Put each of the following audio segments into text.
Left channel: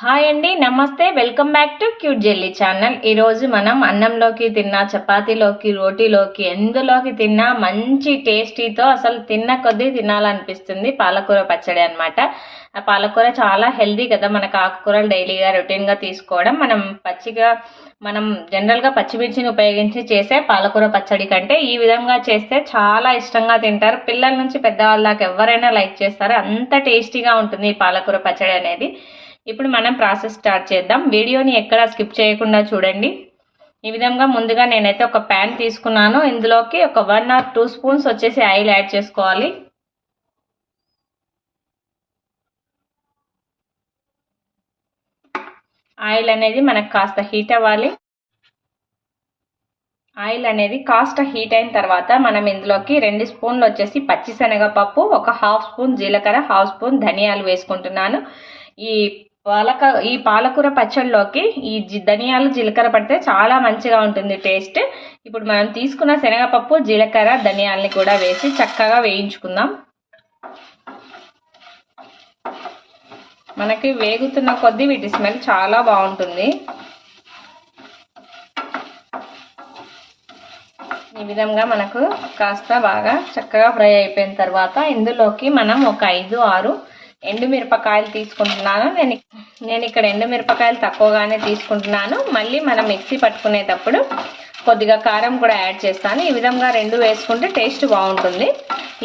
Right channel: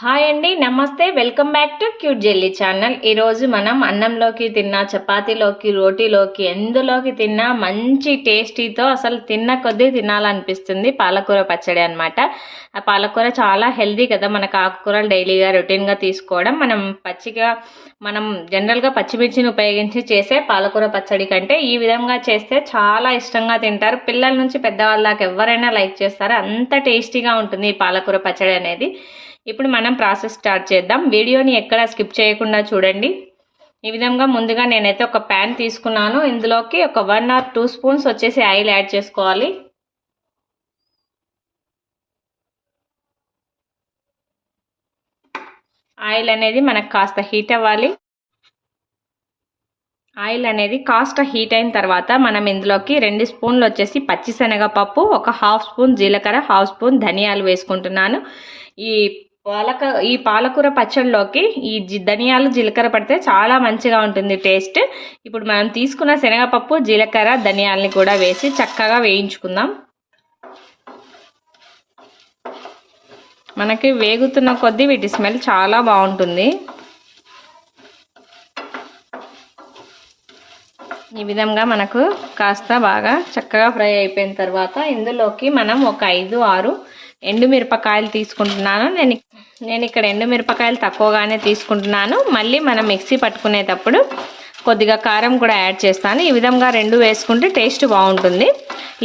Hi అండి, నమస్తే. Welcome back to cute jelly channel. ఈరోజు మనం అన్నంలోకి తిన్నా, చపాతీలోకి, రోటీలోకి, ఎందులోకి తిన్నా మంచి టేస్టీతో అసలు తిన్న కొద్దీ తినాలనిపిస్తుంది పాలకూర పచ్చడి అనమాట. ఆ పాలకూర చాలా హెల్దీ కదా, మనకు ఆకుకూరలు డైలీగా రొటీన్గా తీసుకోవడం. మనం జనరల్గా పచ్చిమిర్చిని ఉపయోగించి చేసే పాలకూర పచ్చడి కంటే ఈ విధంగా చేస్తే చాలా ఇష్టంగా తింటారు. పిల్లల నుంచి పెద్దవాళ్ళ దాకా ఎవరైనా లైక్ చేస్తారు. అంత టేస్టీగా ఉంటుంది ఈ పాలకూర పచ్చడి అనేది. ఇప్పుడు మనం ప్రాసెస్ స్టార్ట్ చేద్దాం. వీడియోని ఎక్కడ స్కిప్ చేయకుండా చూడండి. ఈ విధంగా ముందుగా నేనైతే ఒక ప్యాన్ తీసుకున్నాను. ఇందులోకి ఒక 1 or 2 స్పూన్స్ వచ్చేసి ఆయిల్ యాడ్ చేసుకోవాలి. ఆయిల్ అనేది మనకు కాస్త హీట్ అవ్వాలి. ఆయిల్ అనేది కాస్త హీట్ అయిన తర్వాత మనం ఇందులోకి 2 స్పూన్లు వచ్చేసి పచ్చిశనగపప్పు, ఒక 1/2 స్పూన్ జీలకర్ర, 1/2 స్పూన్ ధనియాలు వేసుకుంటున్నాను. ఈ పాలకూర పచ్చడిలోకి ధనియాలు, జీలకర్ర పడితే చాలా మంచిగా ఉంటుంది టేస్ట్. ఇప్పుడు మనం తీసుకున్న శనగపప్పు, జీలకర్ర, ధనియాలని కూడా వేసి చక్కగా వేయించుకుందాం. మనకి వేగుతున్న కొద్దీ వీటి స్మెల్ చాలా బాగుంటుంది. ఈ విధంగా మనకు కాస్త బాగా చక్కగా ఫ్రై అయిపోయిన తర్వాత ఇందులోకి మనం ఒక 5-6 ఎండుమిరపకాయలు తీసుకుంటున్నాను. నేను ఇక్కడ ఎండుమిరపకాయలు తక్కువగానే తీసుకుంటున్నాను. మళ్ళీ మనం మిక్సీ పట్టుకునేటప్పుడు కొద్దిగా కారం కూడా యాడ్ చేస్తాను. ఈ విధంగా 2 వేసుకుంటే టేస్ట్ బాగుంటుంది.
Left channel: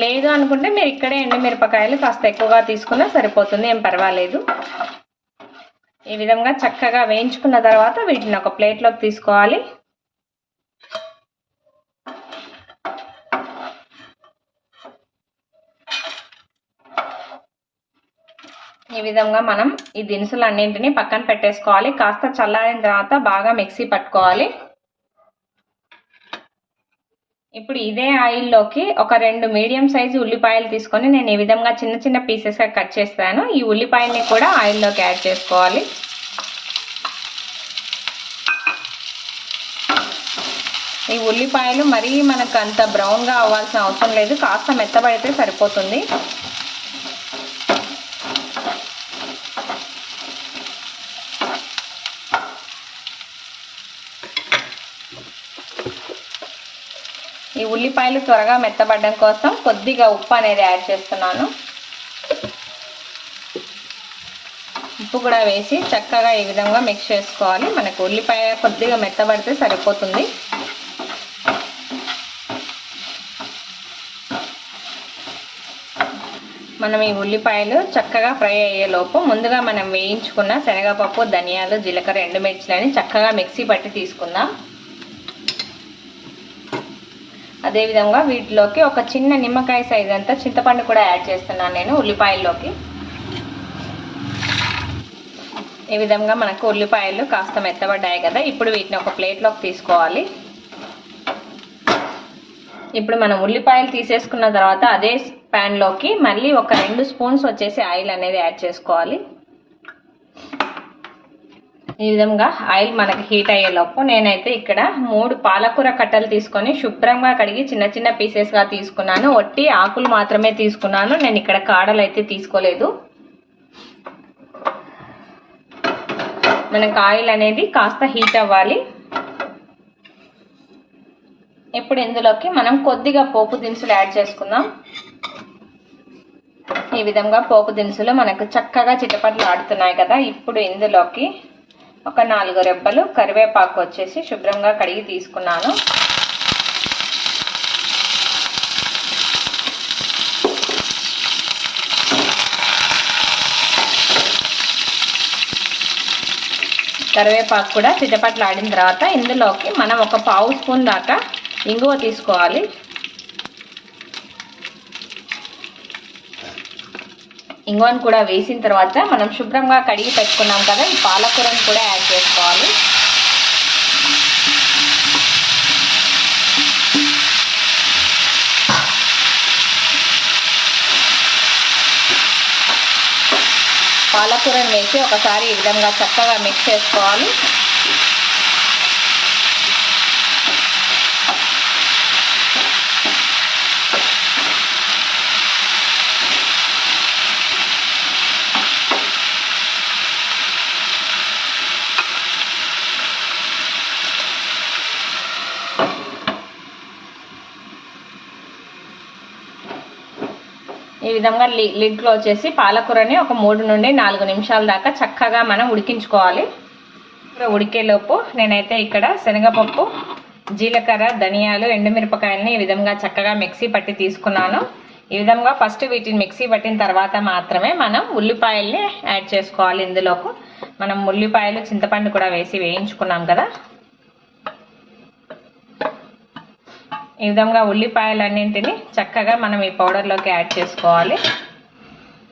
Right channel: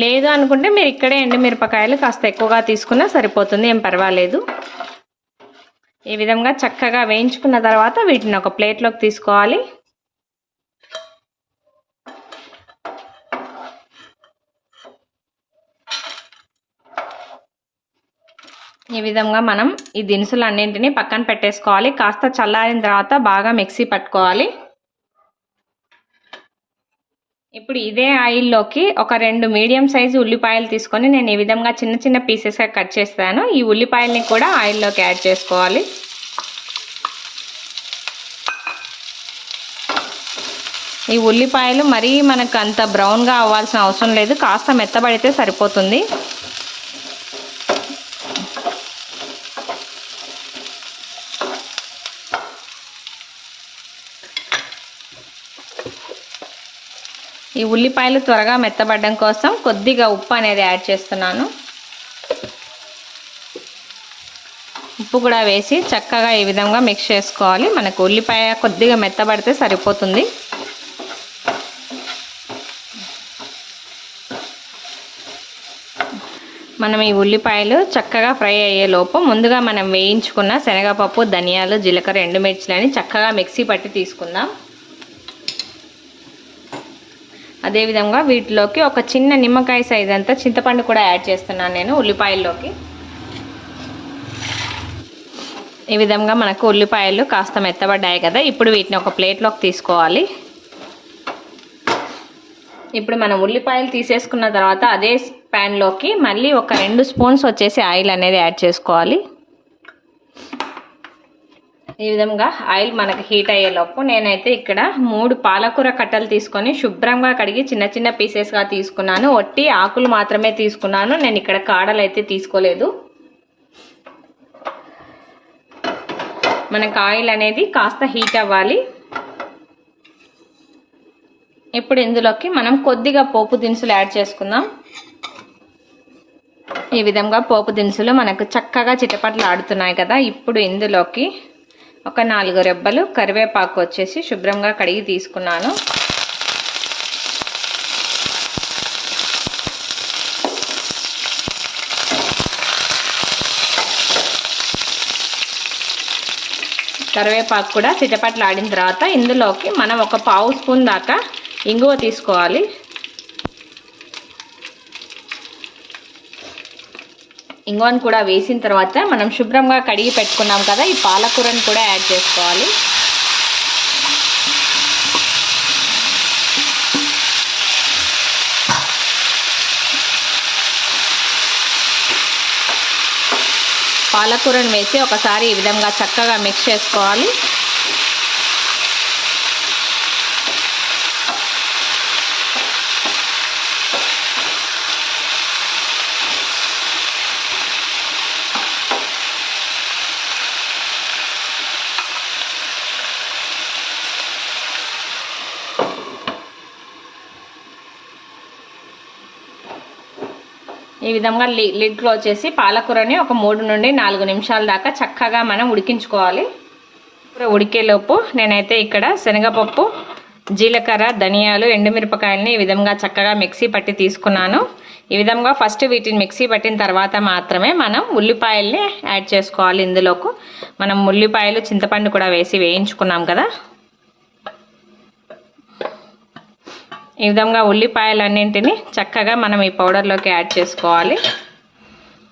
లేదు అనుకుంటే మీరు ఇక్కడే ఎండుమిరపకాయలు కాస్త ఎక్కువగా తీసుకున్నా సరిపోతుంది, ఏం పర్వాలేదు. ఈ విధంగా చక్కగా వేయించుకున్న తర్వాత వీటిని ఒక ప్లేట్లోకి తీసుకోవాలి. ఈ విధంగా మనం ఈ దినుసులు అన్నింటినీ పక్కన పెట్టేసుకోవాలి. కాస్త చల్లారిన తర్వాత బాగా మిక్సీ పట్టుకోవాలి. ఇప్పుడు ఇదే ఆయిల్లోకి ఒక 2 మీడియం సైజు ఉల్లిపాయలు తీసుకొని నేను ఈ విధంగా చిన్న చిన్న పీసెస్గా కట్ చేస్తాను. ఈ ఉల్లిపాయల్ని కూడా ఆయిల్లోకి యాడ్ చేసుకోవాలి. ఈ ఉల్లిపాయలు మరీ మనకు అంత బ్రౌన్గా అవ్వాల్సిన అవసరం లేదు, కాస్త మెత్తబడితే సరిపోతుంది. ఈ ఉల్లిపాయలు త్వరగా మెత్తబడడం కోసం కొద్దిగా ఉప్పు అనేది యాడ్ చేస్తున్నాను. ఉప్పు కూడా వేసి చక్కగా ఈ విధంగా మిక్స్ చేసుకోవాలి. మనకు ఉల్లిపాయ కొద్దిగా మెత్తబడితే సరిపోతుంది. మనం ఈ ఉల్లిపాయలు చక్కగా ఫ్రై అయ్యేలోపు ముందుగా మనం వేయించుకున్న శనగపప్పు, ధనియాలు, జీలకర్ర, ఎండుమిర్చిలని చక్కగా మిక్సీ పట్టి తీసుకుందాం. అదేవిధంగా వీటిలోకి ఒక చిన్న నిమ్మకాయ సైజ్ అంతా చింతపండు కూడా యాడ్ చేస్తున్నాను నేను ఉల్లిపాయల్లోకి. ఈ విధంగా మనకు ఉల్లిపాయలు కాస్త మెత్తబడ్డాయి కదా, ఇప్పుడు వీటిని ఒక ప్లేట్లోకి తీసుకోవాలి. ఇప్పుడు మనం ఉల్లిపాయలు తీసేసుకున్న తర్వాత అదే ప్యాన్లోకి మళ్ళీ ఒక 2 స్పూన్స్ వచ్చేసి ఆయిల్ అనేది యాడ్ చేసుకోవాలి. ఈ విధంగా ఆయిల్ మనకి హీట్ అయ్యేలోపు నేనైతే ఇక్కడ 3 పాలకూర కట్టలు తీసుకొని శుభ్రంగా కడిగి చిన్న చిన్న పీసెస్గా తీసుకున్నాను. ఒట్టి ఆకులు మాత్రమే తీసుకున్నాను, నేను ఇక్కడ కాడలు అయితే తీసుకోలేదు. మనకు ఆయిల్ అనేది కాస్త హీట్ అవ్వాలి. ఇప్పుడు ఇందులోకి మనం కొద్దిగా పోపు దినుసులు యాడ్ చేసుకుందాం. ఈ విధంగా పోపు దినుసులు మనకు చక్కగా చిటపట్లు ఆడుతున్నాయి కదా, ఇప్పుడు ఇందులోకి ఒక 4 రెబ్బలు కరివేపాకు వచ్చేసి శుభ్రంగా కడిగి తీసుకున్నాను. కరివేపాకు కూడా చిటపట్లు ఆడిన తర్వాత ఇందులోకి మనం ఒక 1/2 స్పూన్ దాకా ఇంగువ తీసుకోవాలి. ఇంగువను కూడా వేసిన తర్వాత మనం శుభ్రంగా కడిగి పెట్టుకున్నాం కదా, ఈ పాలకూరను కూడా యాడ్ చేసుకోవాలి. పాలకూరను వేసి ఒకసారి ఈ విధంగా చక్కగా మిక్స్ చేసుకోవాలి. ఈ విధంగా లిడ్ క్లోజ్ చేసి పాలకూరని ఒక 3 నుండి 4 నిమిషాల దాకా చక్కగా మనం ఉడికించుకోవాలి. ఉడికేలోపు నేనైతే ఇక్కడ శనగపప్పు, జీలకర్ర, ధనియాలు, ఎండుమిరపకాయలని ఈ విధంగా చక్కగా మిక్సీ పట్టి తీసుకున్నాను. ఈ విధంగా ఫస్ట్ వీటిని మిక్సీ పట్టిన తర్వాత మాత్రమే మనం ఉల్లిపాయల్ని యాడ్ చేసుకోవాలి. ఇందులోకి మనం ఉల్లిపాయలు, చింతపండు కూడా వేసి వేయించుకున్నాం కదా. ఈ విధంగా ఉల్లిపాయలన్నింటినీ చక్కగా మనం ఈ పౌడర్లోకి యాడ్ చేసుకోవాలి.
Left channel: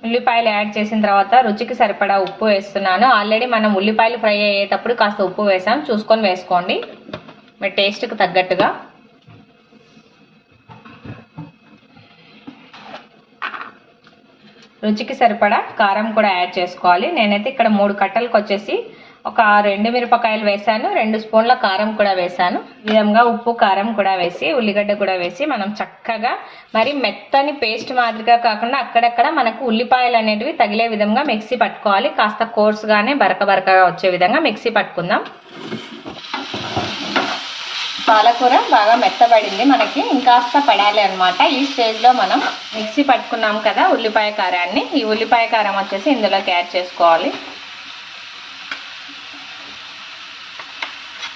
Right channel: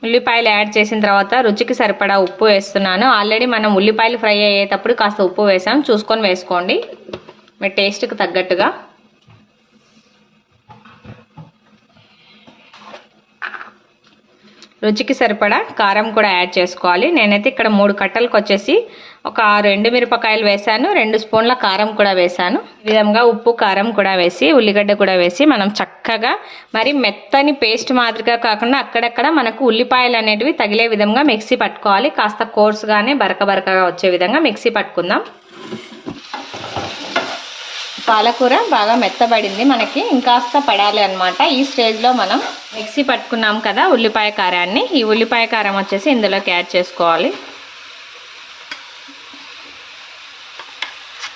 ఉల్లిపాయలు యాడ్ చేసిన తర్వాత రుచికి సరిపడా ఉప్పు వేస్తున్నాను. ఆల్రెడీ మనం ఉల్లిపాయలు ఫ్రై అయ్యేటప్పుడు కాస్త ఉప్పు వేసాం, చూసుకొని వేసుకోండి మీ టేస్ట్కి తగ్గట్టుగా. రుచికి సరిపడా కారం కూడా యాడ్ చేసుకోవాలి. నేనైతే ఇక్కడ 3 కట్టలకు వచ్చేసి ఒక 6 ఎండుమిరపకాయలు వేసాను, 2 స్పూన్ల కారం కూడా వేసాను. ఈ విధంగా ఉప్పు, కారం కూడా వేసి ఉల్లిగడ్డ కూడా వేసి మనం చక్కగా మరి మెత్తని పేస్ట్ మాదిరిగా కాకుండా అక్కడక్కడ మనకు ఉల్లిపాయలు అనేటివి తగిలే విధంగా మిక్సీ పట్టుకోవాలి. కాస్త కోర్స్గానే బరకగా వచ్చే విధంగా మిక్సీ పట్టుకుందాం. పాలకూర బాగా మెత్తబడింది, మనకి ఇంకాస్త పడాలి అనమాట. ఈ స్టేజ్లో మనం మిక్సీ పట్టుకున్నాం కదా ఉల్లిపాయ కారాన్ని, ఈ ఉల్లిపాయ కారం వచ్చేసి ఇందులోకి యాడ్ చేసుకోవాలి.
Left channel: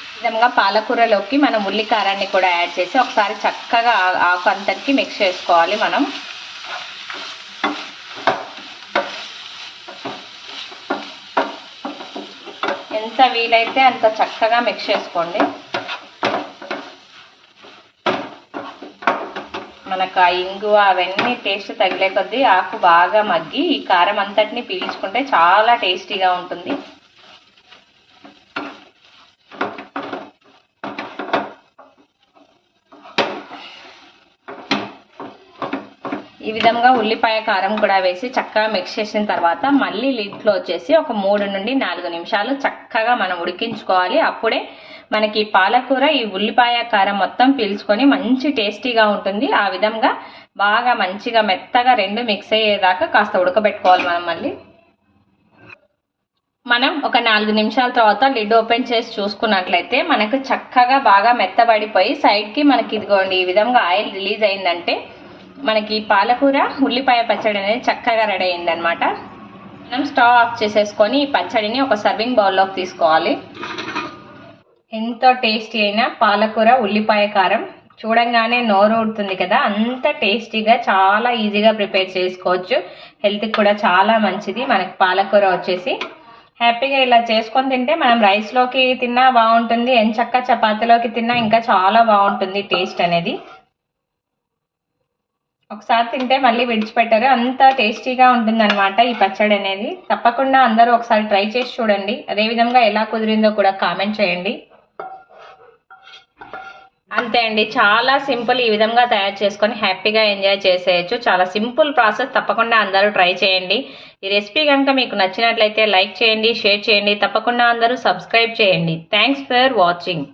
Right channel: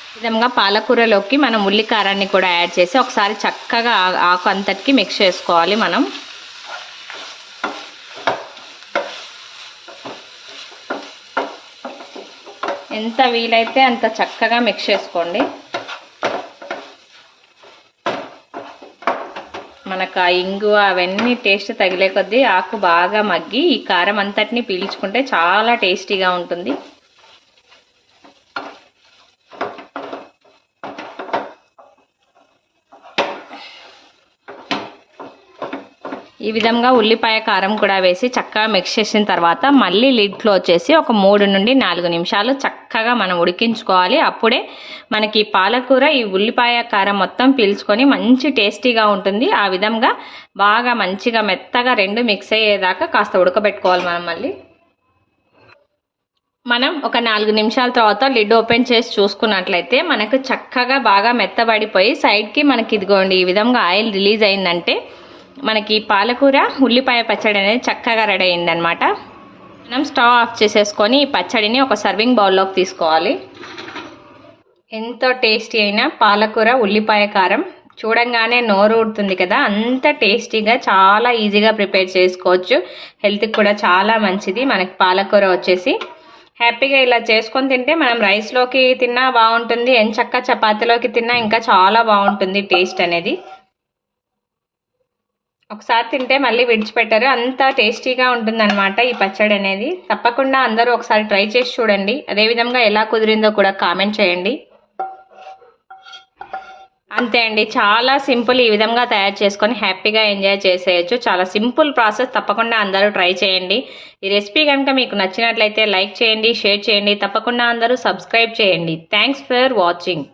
ఈ విధంగా పాలకూరలోకి మనం ఉల్లి కారాన్ని కూడా యాడ్ చేసి ఒకసారి చక్కగా ఆకు అంతటికి మిక్స్ చేసుకోవాలి. మనం ఎంత వీలైతే అంత చక్కగా మిక్స్ చేసుకోండి. మనకు ఆ ఇంగువ అవన్నీ టేస్ట్ తగిలే కొద్దీ ఆకు బాగా మగ్గి ఈ కారం అంతటిని పీల్చుకుంటే చాలా టేస్టీగా ఉంటుంది. ఈ విధంగా ఉల్లిపాయ కారం కూడా వేసి చక్కగా మిక్స్ చేసిన తర్వాత మళ్ళీ లిడ్ క్లోజ్ చేసి ఒక 3 నుండి 4 నిమిషాలు చక్కగా మనం ఉడికించుకోవాలి. అప్పుడే మనకి పాలకూర ఈ ఉల్లిపాయ కారం మొత్తం పీల్చుకొని మంచి టేస్టీగా ఉంటుంది. ఆ విధంగా బాగా మంచిగా మెత్తగా 2 మిక్స్ అయ్యేదాకా కాస్త ఉడకబెట్టుకోవాలి. మనం ఒక 4 నిమిషాల తర్వాత లిడ్ ఓపెన్ చేసి చూసుకున్నట్లయితే మనకు చక్కగా బాగా మెత్తబడిపోయి సైడ్కి మనకి ఇదిగోండి ఈ విధంగా ఆయిల్ రిలీజ్ అయిందంటే మనకి పాలకూర ఉల్లిపాయ పచ్చడి అనేది చక్కగా రెడీ అయిందనమాట. మనం స్టవ్ ఆఫ్ చేసేసుకొని ఈ పచ్చడిని ఒక సర్వింగ్ బౌల్లోకి తీసుకోవాలి. ఎంతో టేస్టీ అయిన పాలకూర ఉల్లిపాయ కారం చూడంగానే నోరు ఊడుతుంది కదా, అంత టేస్టీగా చాలా ఈజీగా ప్రిపేర్ చేసుకోవచ్చు. హెల్త్కి కూడా చాలా మంచిది. మనకి పాలకూర వచ్చేసి హ్యాపీగా ఇలా చేసుకొని తింటే మనం రైస్లోకి తిన్నా బాగుంటుంది, ఎంచక్కా చపాతీలోకి తిన్నా ఇంకా చాలా బాగుంటుంది టేస్ట్ అనేది. ఒకసారి తింటే మళ్ళీ విడిచిపెట్టారు, అంత టేస్టీగా ఉంటుందన్నమాట ఈ పచ్చడి అనేది. తప్పకుండా అందరూ ఒకసారి ట్రై చేసి చూడండి. అదేవిధంగా ఎలా కుదిరిందో కూడా కామెంట్ చేయండి. అంతే అండి, చాలా సింపుల్. ఈ విధంగా తయారు చేసుకొని హ్యాపీగా ఎంజాయ్ చేసేయచ్చు. చాలా సింపుల్ ప్రాసెస్. తప్పకుండా అందరూ ట్రై చేయండి. ఈ రెసిపీ కనుక మీకు నచ్చినట్లయితే లైక్ చేయండి, షేర్ చేయండి. తప్పకుండా అందరూ సబ్స్క్రైబ్ చేయండి. Thanks for watching.